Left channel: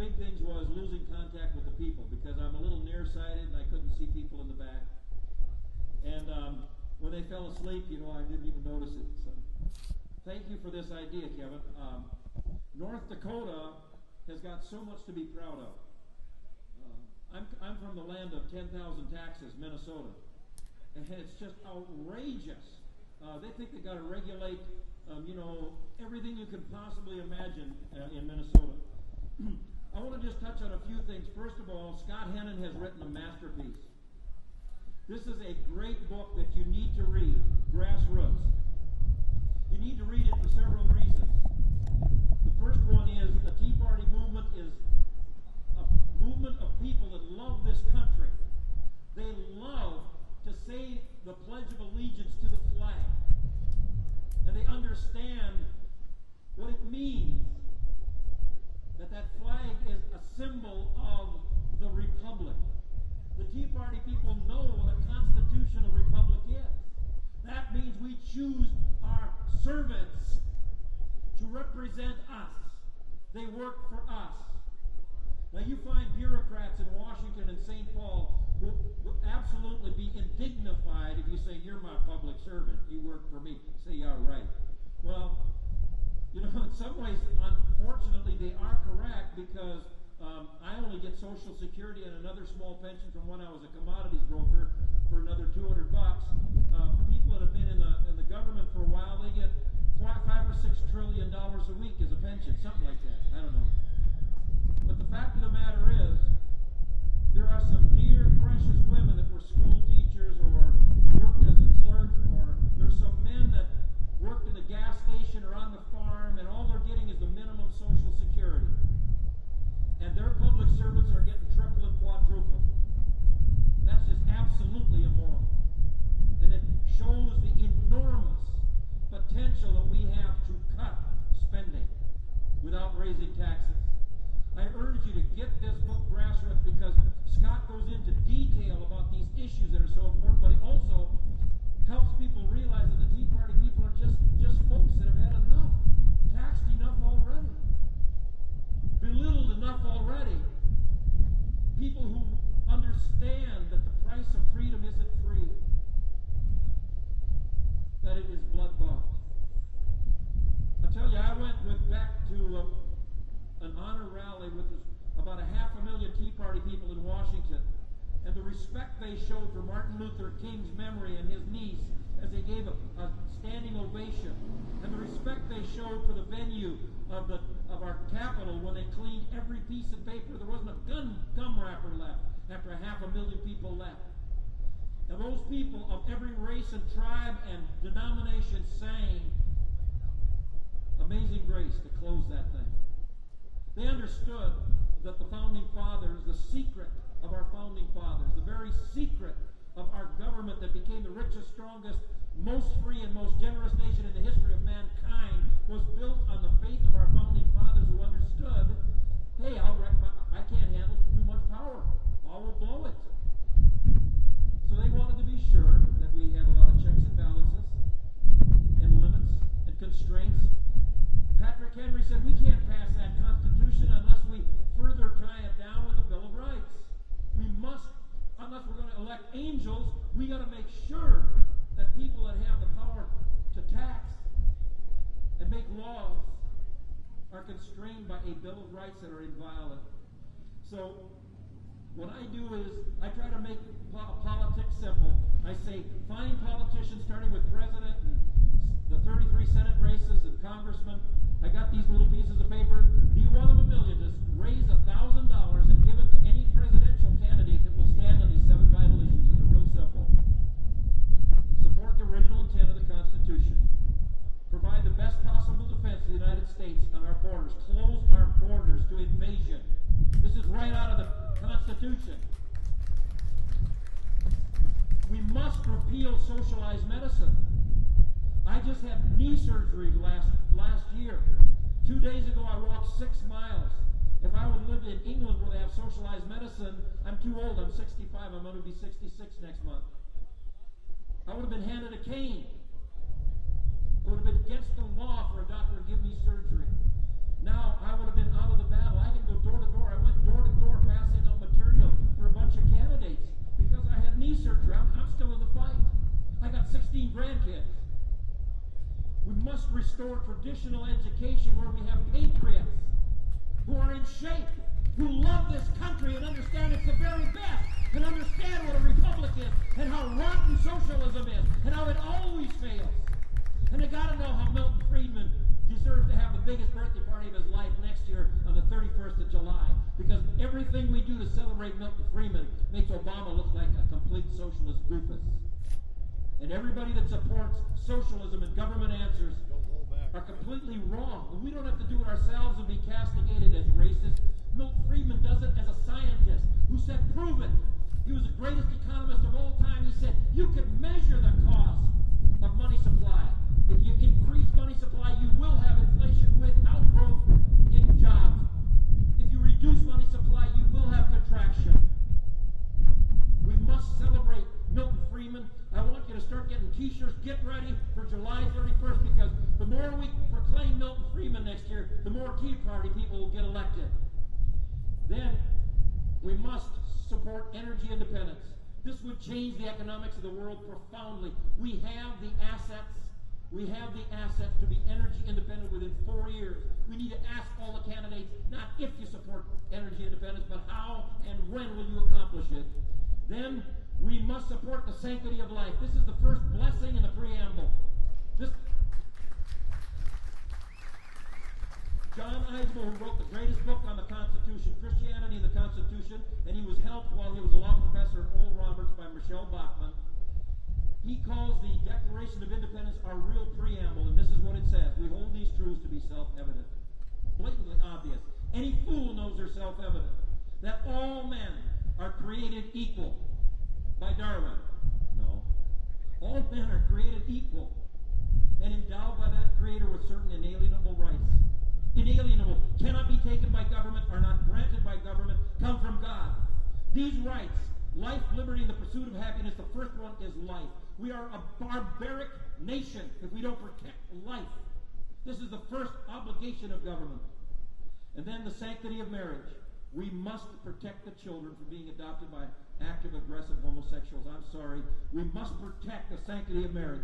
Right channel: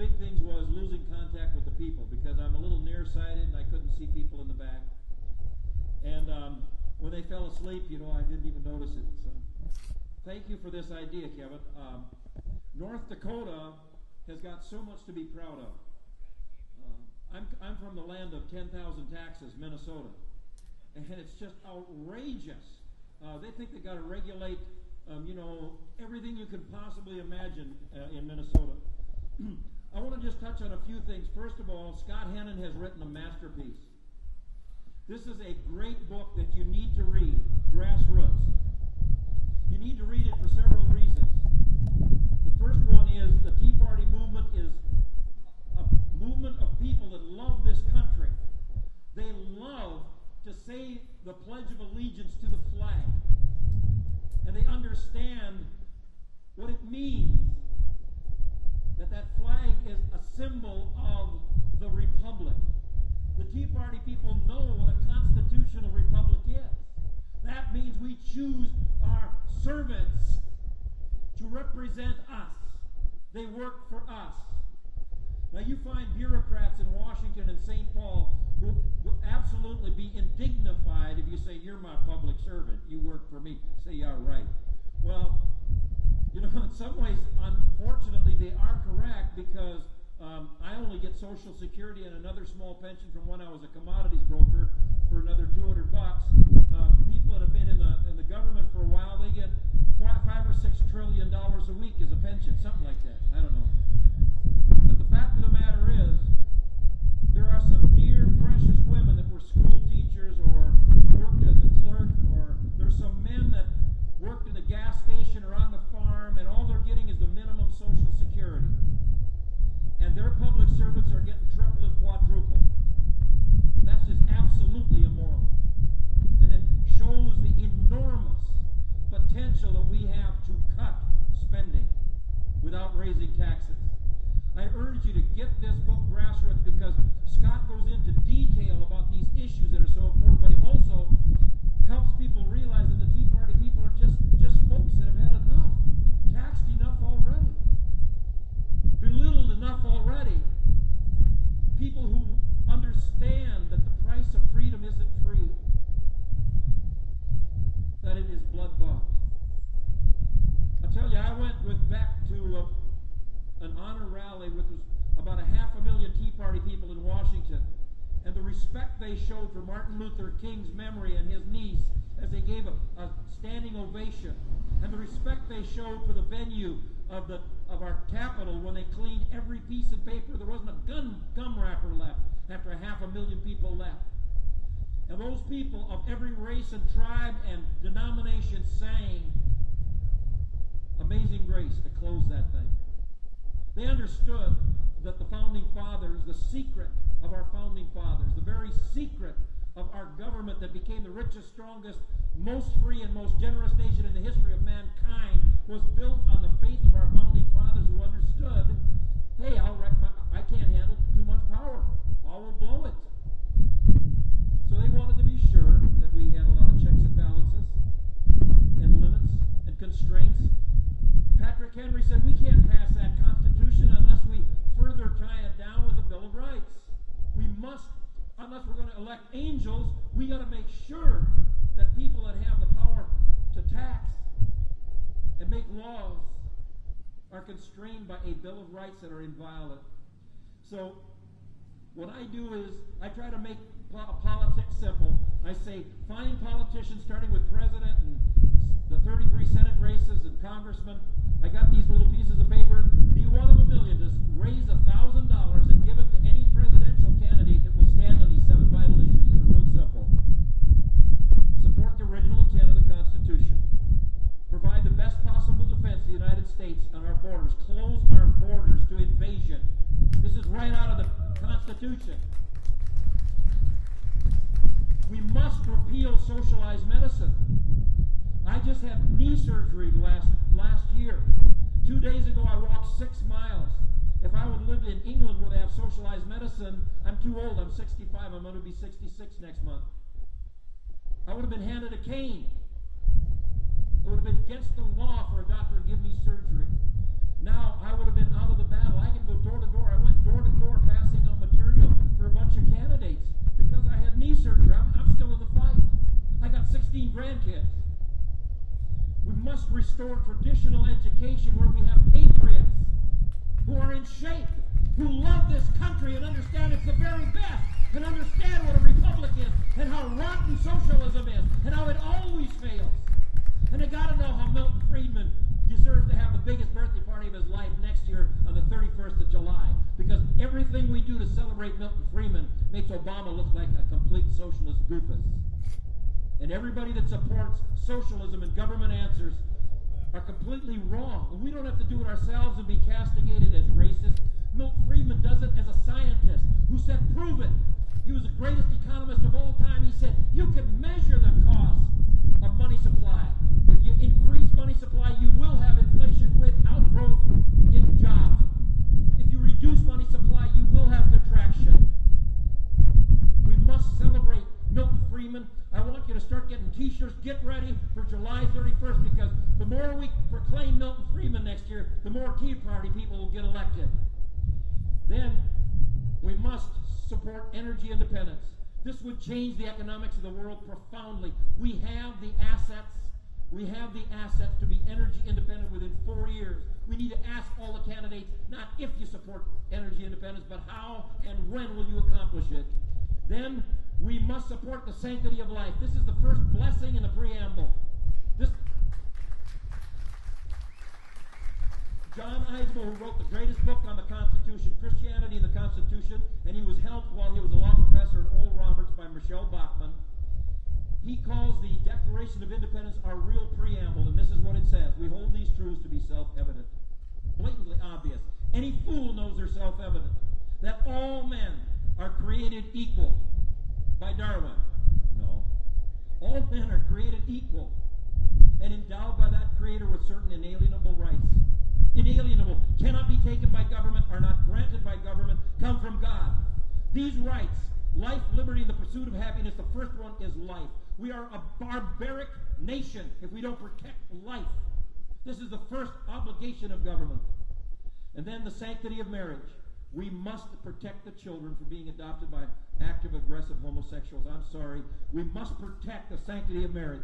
big things was losing contact with the people, because I'm a little nearsighted and I couldn't see people in the back. And when they fell asleep, I didn't even notice it. So thank you for this idea, Kevin. North Dakota has got so much to be proud of. I'm from the land of 10,000 taxes, Minnesota, and it's just outrageous. They think they got to regulate, everything you can possibly imagine in Minnesota. I want to just touch on a few things. First of all, Scott Hennon has written a masterpiece. This is a great book that you need to read, Grassroots. You need to read it for several reasons. The first one is the Tea Party movement is a movement of people that love this country. They love to say the Pledge of Allegiance to the flag. And they understand what it means, that flag is a symbol of the republic. The Tea Party people know what a constitutional republic is. That means we choose our servants to represent us. They work for us. Now you find bureaucrats in Washington and St. Paul who will absolutely be indignified if you say, you're my public servant, you work for me. Say, yeah, right. Well, in some ways, unfortunately, they are correct, because I only get Social Security and another small pension from when I was a commodities broker for another $200. People that have been in the government for a while, they get $5 or $6 trillion a week as a pension, something like that. I don't know. But the fact of the matter is, there are some dear, precious women that were school teachers or worked as a clerk, or there's some men that worked in a gas station or on the farm, and all they're getting is the minimum Social Security. And their public servants are getting triple and quadruple. That's just absolutely immoral. And it shows the enormous potential that we have to cut spending without raising taxes. I urge you to get this book, Grassroots, because Scott goes into detail about these issues that are so important, but he also helps people realize that the Tea Party people are just folks that have had enough, taxed enough already, belittled enough already. People who understand that the price of freedom isn't free, that it is blood-bought. I tell you, I went back to an honor rally with about 500,000 Tea Party people in Washington, and the respect they showed for Martin Luther King's memory and his niece as they gave a standing ovation, and the respect they showed for the venue of our Capitol when they cleaned every piece of paper. There wasn't a gum wrapper left after 500,000 people left. And those people of every race and tribe and denomination sang Amazing Grace to close that thing. They understood that the Founding Fathers, the secret of our Founding Fathers, the very secret of our government that became the richest, strongest, most free, and most generous nation in the history of mankind, was built on the faith of our Founding Fathers, who understood, hey, I can't handle too much power. I will blow it. So they wanted to be sure that we had a lot of checks and balances and limits and constraints. Patrick Henry said we can't pass that Constitution unless we further tie it down with the Bill of Rights. We must, unless we're going to elect angels, we got to make sure that people that have the power to tax and make laws are constrained by a Bill of Rights that are inviolate. So what I do is I try to make politics simple. I say find politicians starting with president and the 33 Senate races and congressmen. I got these little pieces of paper. Be one of a million. Just raise $1,000 and give it to any presidential candidate that will stand on these 7 vital issues, and they're real simple. Support the original intent of the Constitution. Provide the best possible defense of the United States on our borders. Close our borders to invasion. This is right out of the Constitution. We must repeal socialized medicine. I just had knee surgery last year. 2 days ago, I walked 6 miles. If I would live in England where they have socialized medicine, I'm too old. I'm 65. I'm going to be 66 next month. I would have been handed a cane. It would have been against the law for a doctor to give me surgery. Now, I would have been out of the battle. I can go door to door. I restore traditional education where we have patriots who are in shape, who love this country and understand it's the very best, and understand what a republic is, and how rotten socialism is, and how it always fails. And they got to know how Milton Friedman deserves to have the biggest birthday party of his life next year on the 31st of July, because everything we do to celebrate Milton Friedman makes Obama look like a complete socialist goofus. And everybody that supports socialism and government answers are completely wrong. And we don't have to do it ourselves and be castigated as racist. Milton Friedman does it as a scientist who said, prove it. He was the greatest economist of all time. He said, you can measure the cost of money supply. If you increase money supply, you will have inflation without growth in jobs. If you reduce money supply, you will have contraction. We must celebrate Milton Friedman. I want you to start getting t-shirts. Get ready for July 31st, because the more we proclaim Milton Friedman next year, the more Tea Party people will get elected. Then we must support energy independence. This would change the economics of the world profoundly. We have the assets. We have the assets to be energy independent within 4 years. We need to ask all the candidates, not if you support energy independence, but how and when will you accomplish it. Then we must support the sanctity of life. This is the first blessing in the preamble. John Eismo, who wrote the greatest book on the Constitution, Christianity and the Constitution, and he was helped while he was a law professor at Oral Roberts by Michelle Bachmann. He calls the Declaration of Independence our real preamble, and this is what it says. We hold these truths to be self-evident, blatantly obvious. Any fool knows they're self-evident. That all men are created equal. By Darwin? No. All men are created equal and endowed by that Creator with certain inalienable rights. Inalienable, cannot be taken by government, are not granted by government, come from God. These rights, life, liberty, and the pursuit of happiness, the first one is life. We are a barbaric nation if we don't protect life. This is the first obligation of government. And then the sanctity of marriage. We must protect the children from being adopted by active, aggressive homosexuals. I'm sorry. We must protect the sanctity of marriage.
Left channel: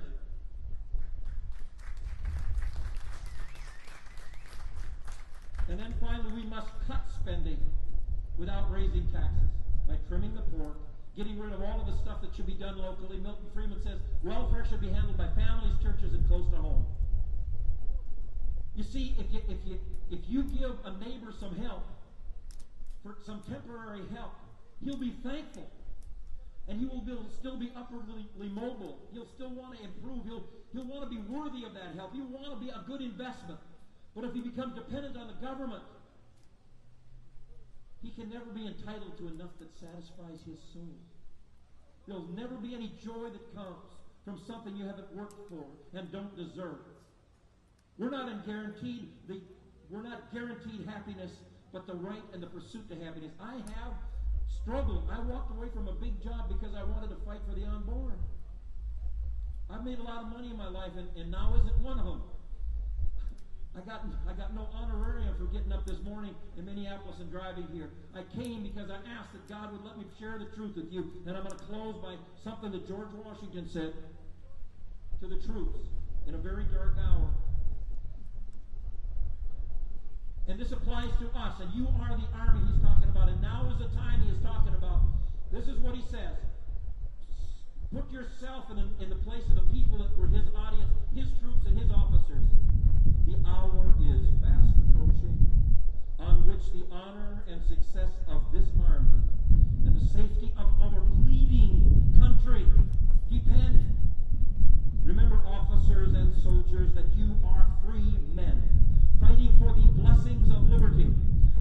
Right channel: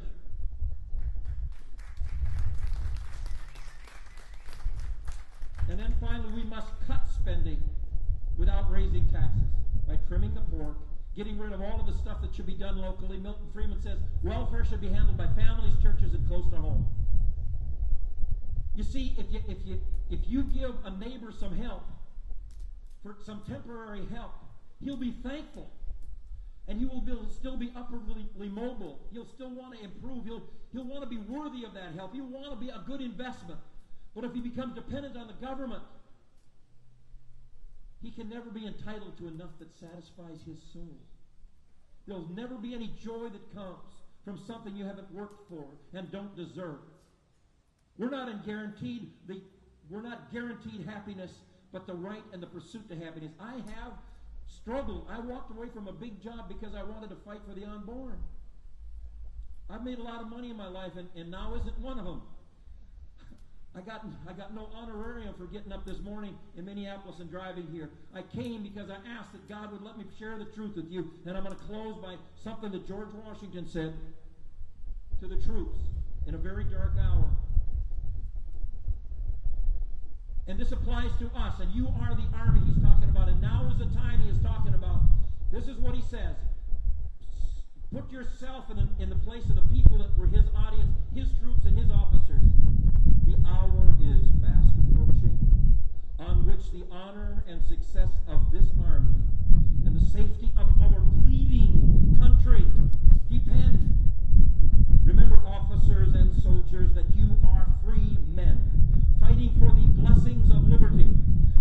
And then finally, we must cut spending without raising taxes by trimming the pork, getting rid of all of the stuff that should be done locally. Milton Friedman says welfare should be handled by families, churches, and close to home. You see, if you give a neighbor some help, for some temporary help, he'll be thankful, and he will still be upwardly mobile. He'll still want to improve. He'll want to be worthy of that help. He'll want to be a good investment. But if he becomes dependent on the government, he can never be entitled to enough that satisfies his soul. There'll never be any joy that comes from something you haven't worked for and don't deserve. We're not guaranteed happiness, but the right and the pursuit to happiness. I have struggled. I walked away from a big job because I wanted to fight for the unborn. I've made a lot of money in my life, and now isn't one of them. I got no honorarium for getting up this morning in Minneapolis and driving here. I came because I asked that God would let me share the truth with you, and I'm going to close by something that George Washington said to the troops in a very dark hour. And this applies to us, and you are the army he's talking about, and now is the time he is talking about. This is what he says. Put yourself in the place of the people that were his audience, his troops and his officers. The hour is fast approaching, on which the honor and success of this army and the safety of our bleeding country depend. Remember, officers and soldiers, that you are free men, fighting for the blessings of liberty,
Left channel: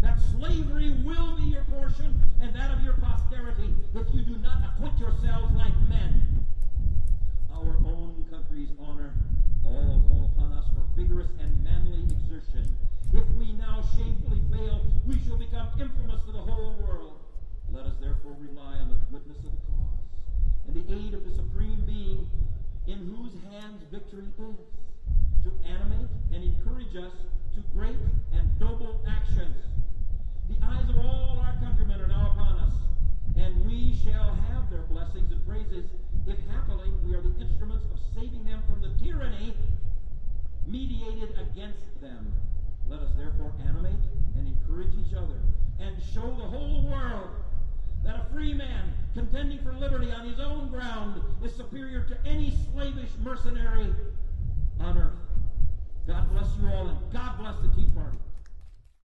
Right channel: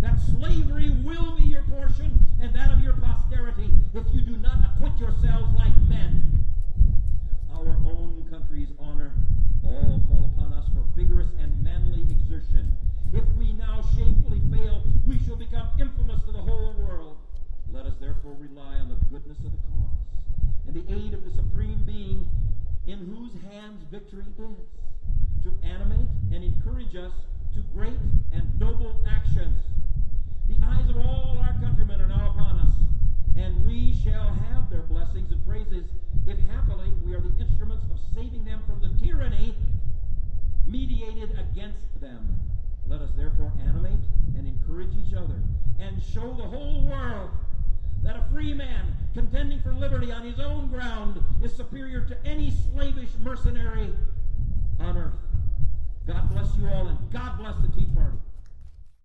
that slavery will be your portion and that of your posterity if you do not acquit yourselves like men. Our own country's honor all call upon us for vigorous and manly exertion. If we now shamefully fail, we shall become infamous to the whole world. Let us therefore rely on the goodness of the cause and the aid of the Supreme Being, in whose hands victory is, to animate and encourage us to great and noble actions. The eyes of all our countrymen are now upon us, and we shall have their blessings and praises if happily we are the instruments of saving them from the tyranny mediated against them. Let us therefore animate and encourage each other and show the whole world that a free man contending for liberty on his own ground is superior to any slavish mercenary on earth. God bless you all, and God bless the Tea Party.